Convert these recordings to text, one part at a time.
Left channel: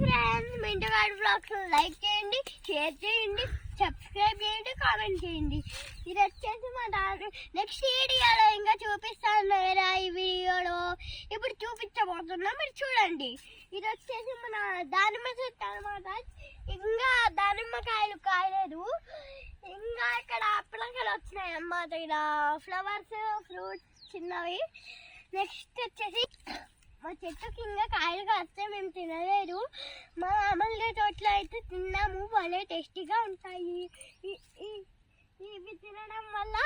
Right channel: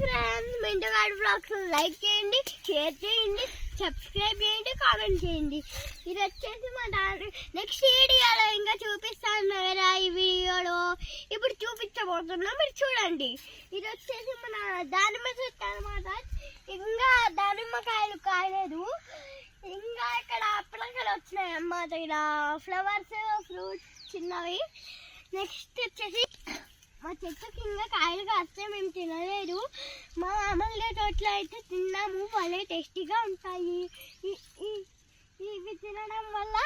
Friends, మింటుగాడు blogs like చేయండి, share చేయండి, subscribe చేయండి, కామెంట్ చేయండి. ఇది వచ్చేసి మా నెక్స్ట్ వీడియోలో ఇంకా చూపిస్తాను కదా. ఈ వీడియోలో ఇప్పుడు చూపించబోతున్నా, మీరు చూడండి. ఇది వచ్చేసి మన దానిమ్మ చెట్టు అనమాట. ఇంకా దానిమ్మకాయలు కాయలేదు, ఇంకా ఇక్కడ పిల్లకాయలు వచ్చినాయి అన్నమాట. ఇలా ఫ్లవర్స్, ఫ్రూట్స్ చిన్నవి. నెక్స్ట్ వచ్చేసి మా చెట్టుకి ఇంకా కాయలు కాస్తే మేము తినలేదు. మా మామూలుగా తోటలో అయితే తిన్నాము, భలే టేస్టీగా ఉంటాయి. ఇవి తినడం వల్ల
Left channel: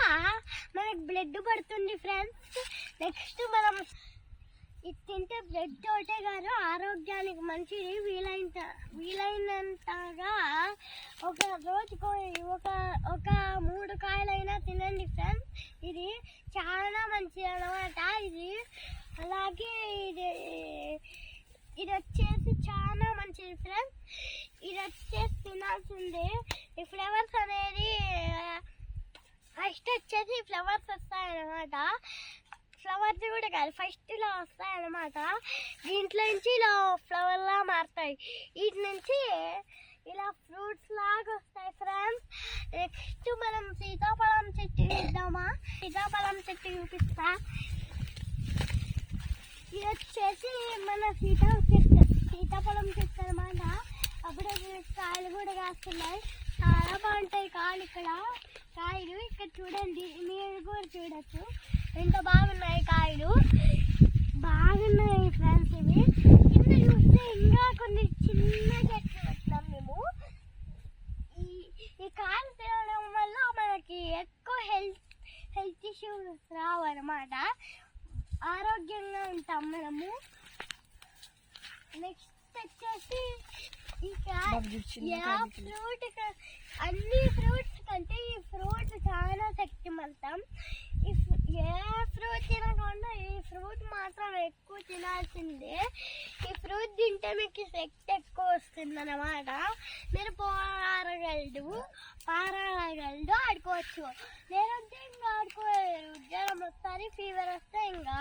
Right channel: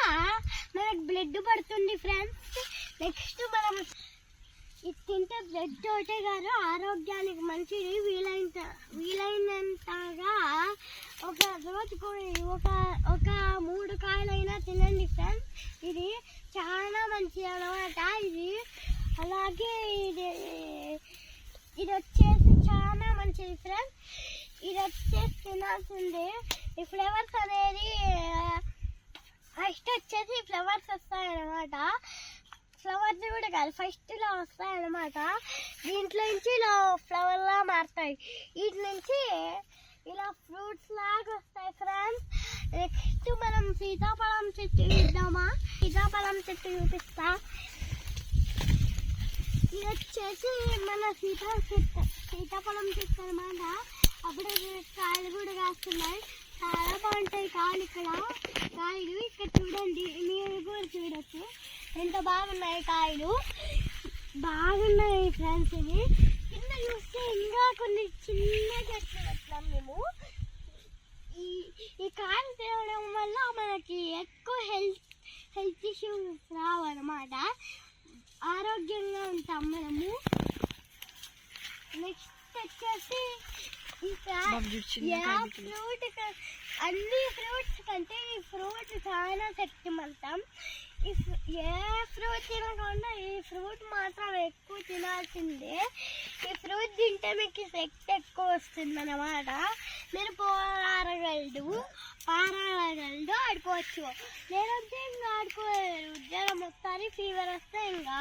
మనకు బ్లడ్ పడుతుంది ఫ్రెండ్స్. నెక్స్ట్ మనం ఇది తింటే బ్లడ్ తోటే కాదు, ఆరోగ్యానికి మంచిది. వీలైనంతగా ఒక రోజుకు ఒక 3 కాయలైనా తినండి ఫ్రెండ్స్. ఇది చాలా మంచిది అన్నమాట. ఇది అలాగే ఇది వచ్చేసి చాలా మంచిది ఫ్రెండ్స్. ఇది వచ్చేసి తినాల్సిందే. ఈ ఫ్లేవర్స్ అనేది ఫస్ట్ వచ్చేసి ఫ్లవర్స్ వస్తాయన్నమాట. ఫ్లవర్స్ కూడా కాదు, ఫస్ట్ ఇలా వస్తాయన్నమాట. దీంట్లో నుంచి ఇలా ఫ్లవర్లా మారుతాయి. వీటి నుంచి ఇలా ఫ్రూట్స్ లాగా వస్తాయి ఫ్రెండ్స్. నెక్స్ట్ మనం సీతాఫలం చెట్టు చూద్దామా? సీతాఫలం చెట్టు చూపిస్తా. ఇది వచ్చేసి మన సీతాఫలం చెట్టు అన్నమాట. అప్పుడు కాయలు కూడా కాస్తున్నాయి, చాలా బాగుంటాయి కాయలు. ఇక్కడ చూడండి, మీరు కూడా చూడొచ్చు ఎంత బాగున్నాయి కాయలు, బాగున్నాయి ఫ్రెండ్స్. ఇవి కింద చూస్తే ఇంకా కొన్ని చిన్న చెట్లు పెట్టాం మేము. ఈ కాయలు తినడం వల్ల మనకి ఎక్కువ హెల్త్ ఇష్యూస్ రావు అన్నమాట. ఆరోగ్యంగా ఉంటాం మనము. నెక్స్ట్ వచ్చేసి అన్ని ఫ్రూట్స్ కంటే ఈ ఫ్రూట్ చాలా శక్తివంతం. ఏ ఫ్రూట్ తినకుండా ఈ ఫ్రూట్ మాత్రం ఎక్కువ తినాల్సిందే. ఈ ఫ్రూట్ తింటే మీకు శక్తి ఎక్కువ వస్తుంది అన్నమాట. మీరు పారాగలడు ఆడుకోవచ్చు. లేదంటే ఇంకా ఆడుకోలేరు. జ్వరం వస్తుంది, ఫీవర్ వస్తే ఇంకా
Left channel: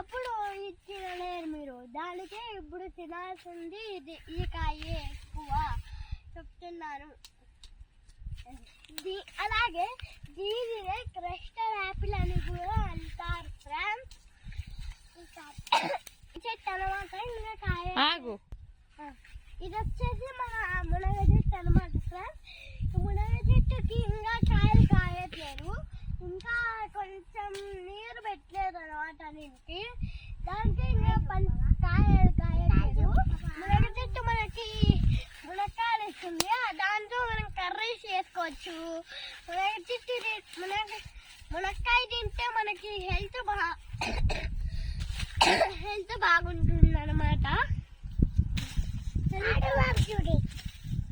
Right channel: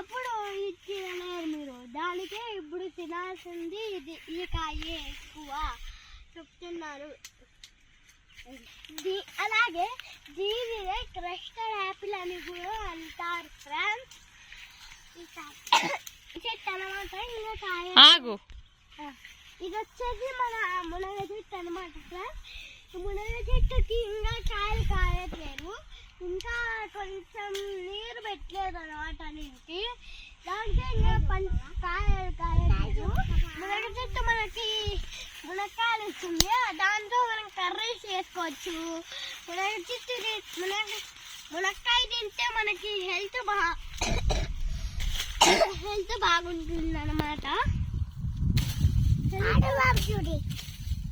అప్పుడు ఇది తినలేరు మీరు. దానికే ఇప్పుడు తినాల్సింది ఇది. ఈ కాయ ఎక్కువ చెప్తున్నారు. అలాగే దీనినే క్రస్టర్డ్ యాపిల్ అని కూడా అంటారు ఫ్రెండ్స్. చెట్టు అనమాట. ఇంకా కాయ ఇది వచ్చేసి మన మునగ చెట్టు అనమాట ఫ్రెండ్స్. మునగ చెట్టుకి ఇంకా కాయలు కాయట్లేదు, ఇంకా కొంచెం నీరు పెట్టలేదు అనమాట దీనికి. దాంట్లో ఇంకా కాయలు కాయలేదు. మునగ చెట్టు మనకి మునక్కాయలు ఇస్తుంది, దాంతో మనం కర్రీస్ చేసుకోవచ్చు. మునక్కాయ తింటే మనకి హెల్త్ బాగుంటుంది అన్నమాట.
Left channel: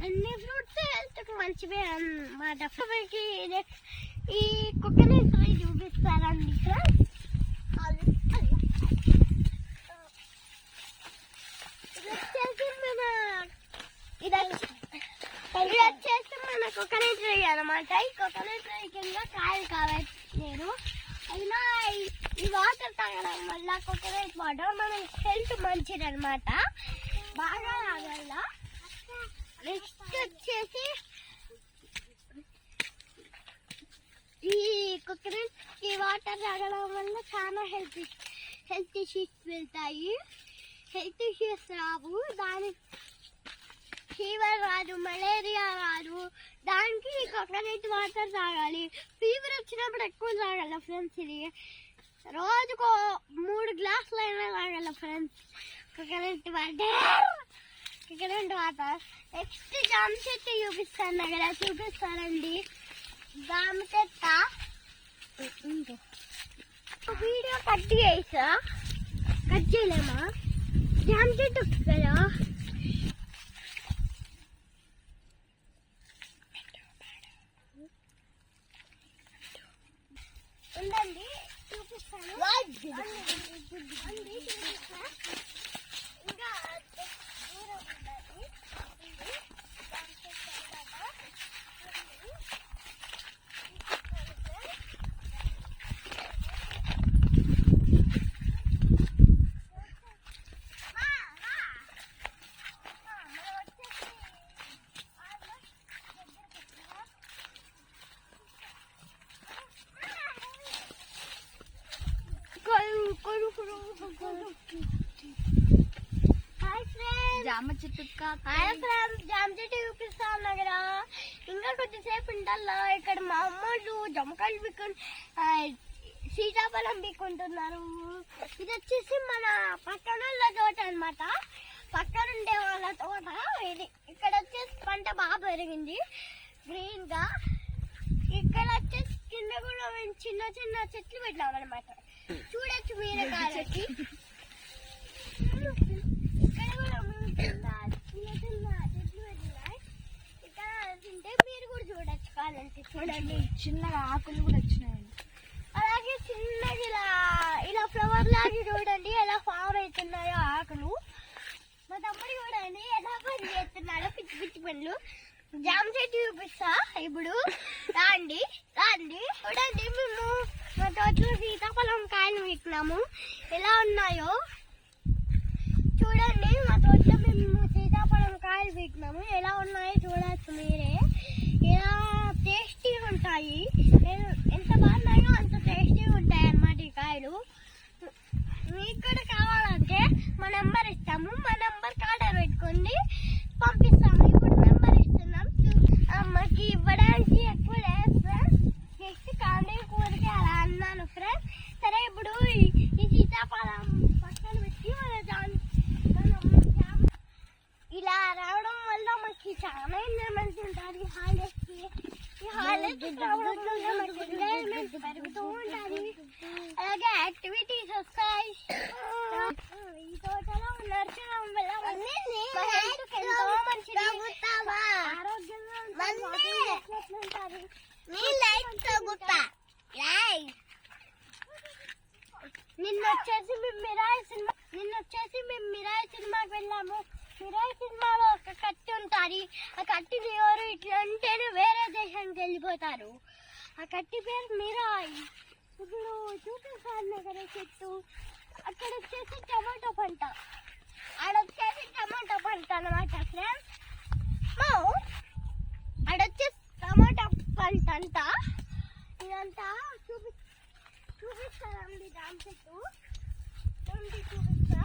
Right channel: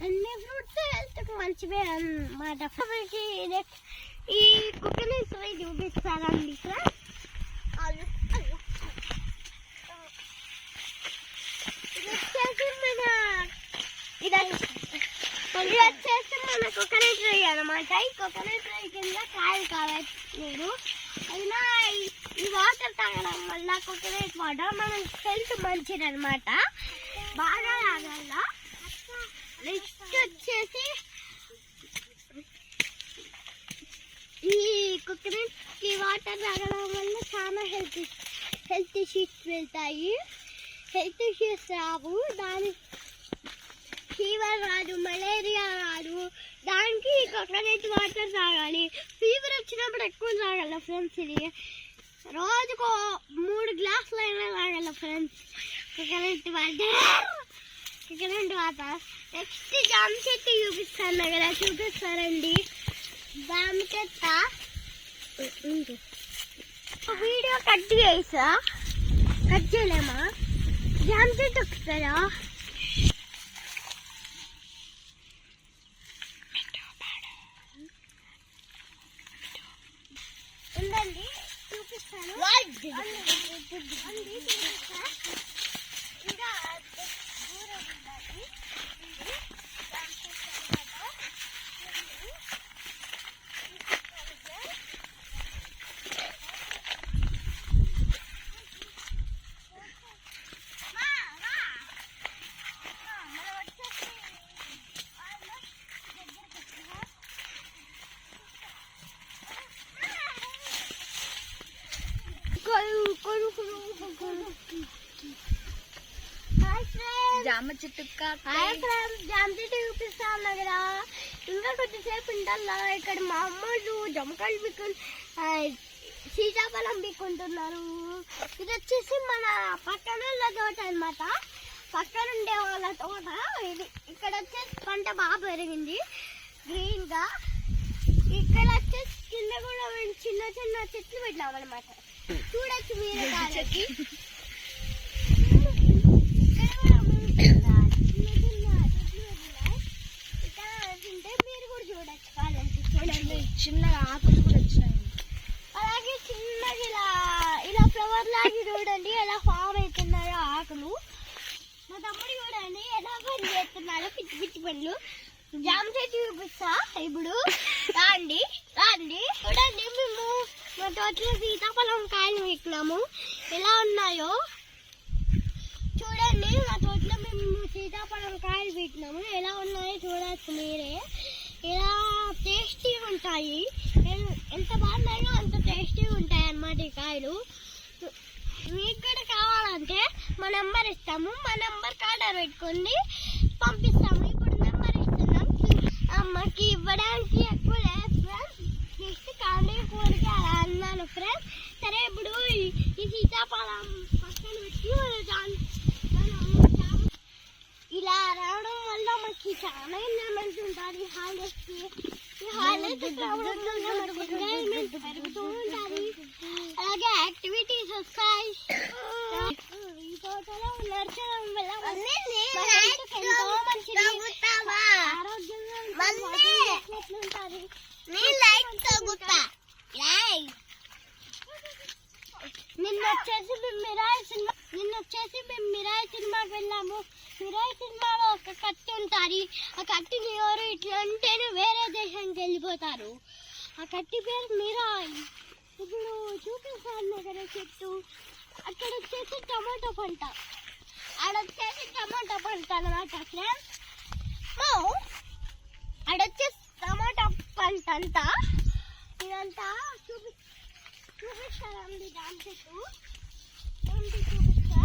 అన్ని ఫ్రూట్స్ హెల్త్కి మంచివే అన్నమాట. ఈ కుక్కని చూపిస్తారండి ఇక్కడ. ఇది వచ్చేసి మన కోకోనట్ ట్రీ అనమాట. ఈ కోకోనట్ ట్రీ కింద కాయలు కావట్లేదు. అయినా ఈ వాటర్ తాగడం వల్ల కోకోనట్ వాటర్ మన హెల్త్ మంచిది అనమాట, బాగా తాగాల. నెక్స్ట్ వచ్చేసి ఈ కోకోనట్ కి వాటర్ తాగడం వల్ల చాలా హెల్త్ ఇష్యూస్ వెళ్తాయి. హెల్త్ ఇష్యూస్ రావు, దానికి ఫీవర్ రాదు, మలేరియా రాదు. దానికి కోకోనట్ వాటర్ తాగాలి. ఫీవర్ వచ్చినప్పుడు ఎక్కువ తాగాల ఫ్రెండ్స్. ఇది రోజుకు 3 గ్లాసులు అయినా తాగాల ఫ్రెండ్స్ కోకోనట్ వాటర్. నెక్స్ట్ జామ చెట్టు చూపిస్తాను కదా, చూపిస్తారండి. జామ చెట్ట వీడియో కట్ చేయలేమా? జామ చెట్టు కదా ఉందండి, చూపిస్తాను. ఇంకా దూరం ఉండాలి. జామ చెట్టు జామ చెట్టు చూపిస్తాను కదా. ఇంకా కొద్దిసేపు ఉండాలా. ఇక్కడ మా అమ్మోళ్ళు జమకాయలు పీక్కొని సీతాఫలం పీక్కుంటున్నారు. ఇది వచ్చేసి మన పక్కన తోట అనమాట. పక్కన ఉండే వాళ్ళ తోట ఇది. ఇక్కడ వచ్చేసి పంట బాగా పెరిగింది గ్రీన్ గా. ఇక్కడ వచ్చేసి కింద కూడా చిన్న చిన్న చెట్లు పెట్టాం అనమాట. చూడొచ్చు మీరే కాలకి. ఇక్కడ కూడా చిన్న చిన్న చెట్లు పెట్టినాయి. ఇక్కడ తింటే మీరు కూడా చూడొచ్చు కాలంటే. చూడండి చిన్న ఆకులు కూడా వచ్చినాయి. అలాగే చిన్నగా ఇలా ఫ్లవర్ లాగా చూడండి ఎలా ఫామ్ అవుతున్నాయో ఆకులు. మా తమ్ముడు చూడండి ఎలా పని చేస్తున్నారో పిచ్చి పిచ్చి పనులు. జామ చెట్టు చూపిస్తా ఇప్పుడు. రాండి రాండి చూడండి. మేము మా తోటలో సీతాఫలం కాయలు పెట్టినాము. ఎలా ఉన్నాయో చూడండి. మా తోటలో మేము సీతాఫలం కాయలు పెట్టినాము. ఎలా ఉన్నాయో చూడచ్చు మీరే. ఎలా టేస్టీగా ఉంటాయి. ఎంత బాగున్నాయో అంత టేస్టీగా ఉంటాయి అన్నమాట ఈ కాయలు. మీకు కూడా కావాలంటే మా నెంబర్ ఇస్తాము. మా నెంబర్కి ఆర్డర్ పెట్టుకోండి, పంపిస్తాము. ఇప్పుడు నెంబర్ ఇస్తున్నాం. అమ్మకి ఇవ్వడానికి ఎక్కువ లేదు ఫ్రెండ్స్. నెక్స్ట్ కాండే కూరకి అలా అన్నాను ఫ్రెండ్స్. సరే ఇప్పుడు ఈ సీతాఫలం పక్కన పెట్టి ఇలా రావడం వల్ల మనకి చాలా ఎంజాయ్మెంట్ ఉంటుంది. హాలిడేస్కి ఈ హాలిడేస్ రావడం వల్ల మనకి ఎంజాయ్మెంట్ పెరుగుతూ ఉంటుంది. అలాగే యాక్టివిటీస్ వస్తాయి. ఈ తోటలో నడచడం వల్ల ఎంతో మంచిది, ఆరోగ్యంగా ఉంటుంది. నిన్నొచ్చేసి మేము మిరాయి సినిమాకి వెళ్ళాము. మిరాయి సినిమాలో ఒక కత్తి ఉంటుంది. ఆ కత్తిని ఎవరు ఇట్లా అంటేనే వేరే దేశానికి వెళ్ళిపోతారు. ఆ కత్తి పేరు మిరాయి. ఇప్పుడు చూపిస్తాను కదా చెట్టు. అక్కడ వచ్చేసి టమాటో పంట, ఆడొచ్చేసి టమాటో పంట అనమాట ఫ్రెండ్స్. ఆడొచ్చేసి టమాటో పంట అంతా ఇదంతా చూపిస్తారండి. దాని చెట్టు చూపిస్తా.